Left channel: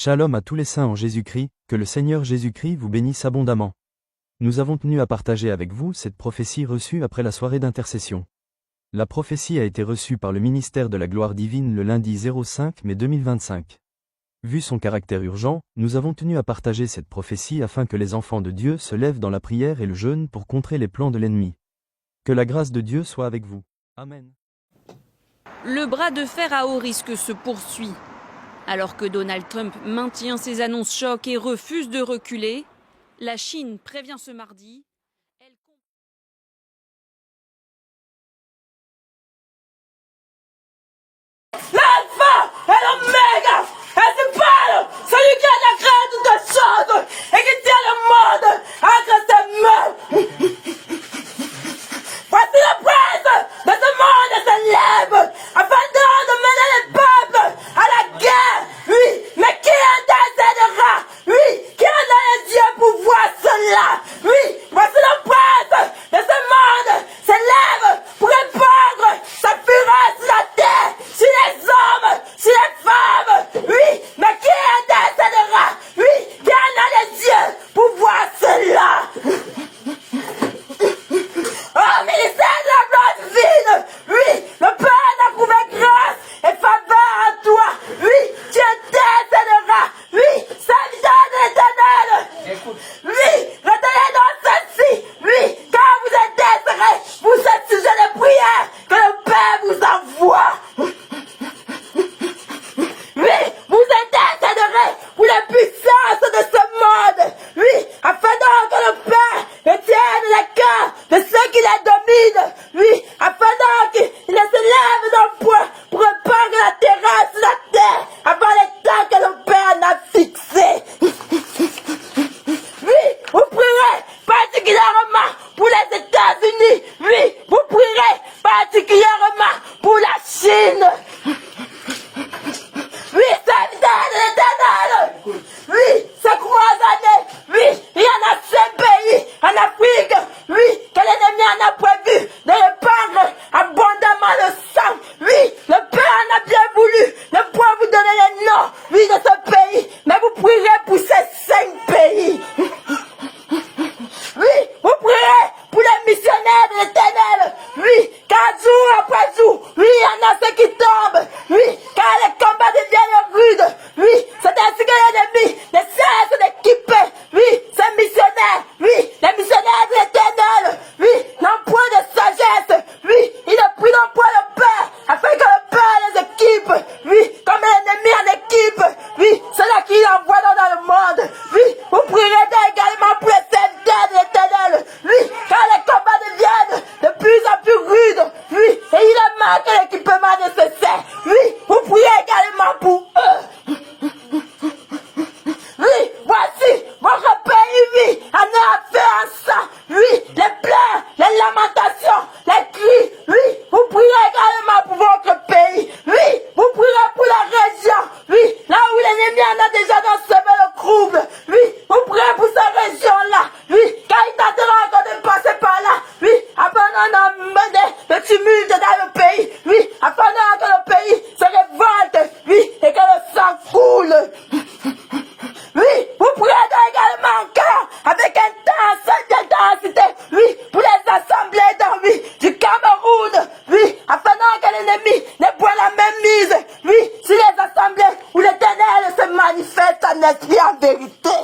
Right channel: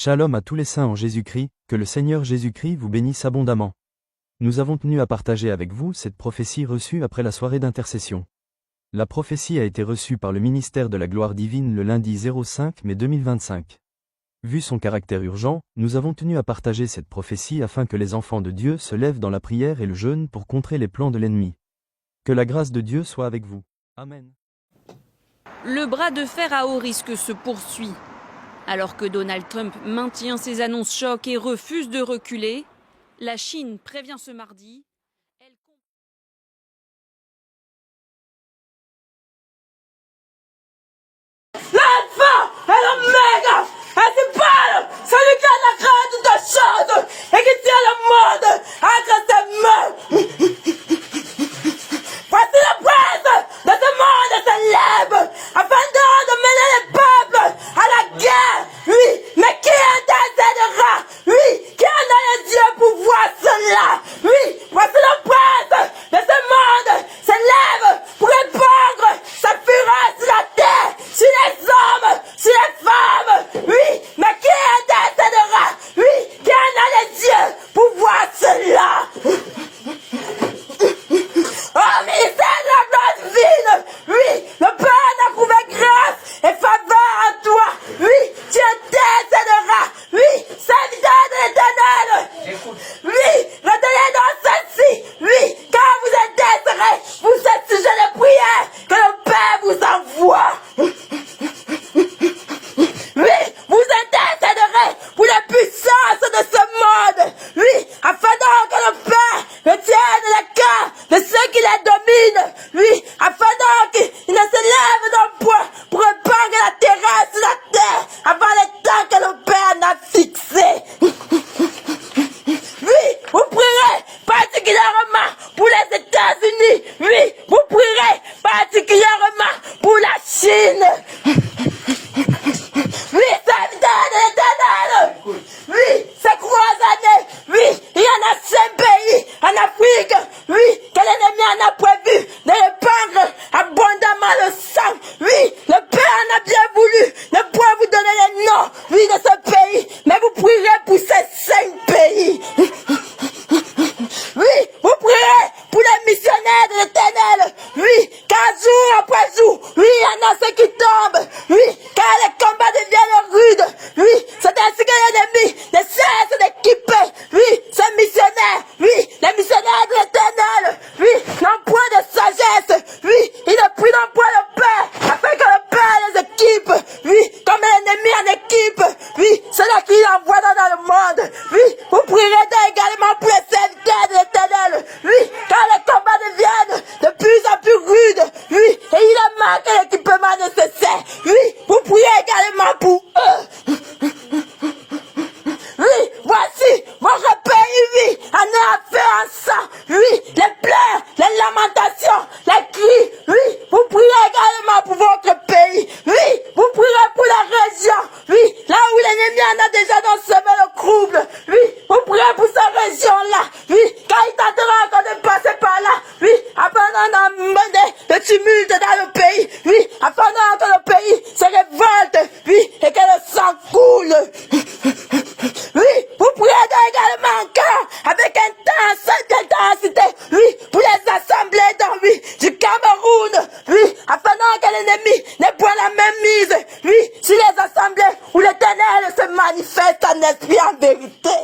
Shalom à tous les saints en Jésus-Christ, que le Seigneur Jésus-Christ vous bénisse abondamment. Nous avons tenu à partager avec vous cette prophétie reçue après la soirée d'intercession. La prophétie a été reçue par le ministère de la gloire divine le lundi 05 mai 2025. Vu son caractère urgent, nous avons tenu à partager cette prophétie afin que les enfants de Dieu se lèvent dans la prière et le jeûne pour contrer les plans de l'ennemi. Que la grâce de Dieu soit avec vous. Amen. Le bras de fer à haut risque se poursuit. Alors que Donald Trump maintient ses annonces chocs et refuse de reculer, la Chine prévient ce mardi. L'alpha et l'oméga, principal, celui qui a créé toutes choses et qui tient le monde entre ses mains. Voici le prince de ce monde se lève afin de mener les peuples à la guerre. Oui, mais qui intercédera? Oui, qui en a un Dieu pour voir cela? Oui, voici le prince de ce monde se lève pour répandre sa fureur sur la terre, sur les hommes, sur les femmes. Oui, mais qui intercédera? Oui, qui en a les dieux pour voir cela? Oh, ministère de la gloire divine, oui, le Père t'a trouvé grâce et faveur en toi. Oui, tu intercéderas. Oui, serviteur de l'Éternel. Oui, retenez dans ceci. Oui, quand vous intercéderez pour ce sujet de prière que le Père vous envoie. Oui, vous intercéderez pour les puissances de ce monde. Oui, afin que le Père retienne les cœurs de ceux qui les dominent. Oui, afin qu'ils ne se lèvent dans le poids pour répandre la terreur sur la terre avant les temps que le Père n'a fixé. Oui, vous prierez particulièrement pour les États-Unis. Oui, vous prierez particulièrement pour la Chine. Oui, serviteur de l'Éternel. Oui, ces 3 années. Oui, il y en a 5 pays en Afrique. Oui, que l'ennemi en a prévu de répandre abondamment le sang. Oui, le Père en a bien voulu ne pas vous donner les noms, oui, de ce pays. Mais vous prierez pour ces 5 pays. Oui, vous prierez pour les missionnaires de l'Éternel. Oui, car jour après jour, oui, il y en a ceux qui tombent. Oui, car les combats deviennent rudes. Oui, c'est ainsi que l'ennemi ne cesse d'équiper. Oui, ces missionnaires. Oui, les missionnaires de l'Éternel. Oui, n'ont point de sagesse. Oui, ils ne prient non point le Père, afin que le Père les équipe. Oui, comme l'ennemi en équipe. Oui, celui qui envoie dans le monde. Oui, vous prierez également pour les serviteurs de l'Éternel. Oui, car les combats deviennent de plus en plus rudes. Oui, et il manque l'équipement nécessaire. Oui, vous priez également pour eux. Oui, voici votre pays, oui, en a fait un sang. Oui, les pleurs, les lamentations, les cris. Oui, vous priez également pour votre pays. Oui, vous priez pour la région. Oui, là où l'ennemi en a déjà semé le trouble. Oui, vous priez pour cette région-là. Oui, quand il tentera encore de passer par là. Oui, afin d'emmener le tumulte dans le pays. Oui, afin que le pays se révolte. Oui, et que le sang coule. Oui, vous priez également encore avec intensité, oui, pour les assemblées oui, du Cameroun, oui, afin que l'ennemi ne prenne la même mise, oui, sur les assemblées où l'Éternel se manifeste en esprit en vérité.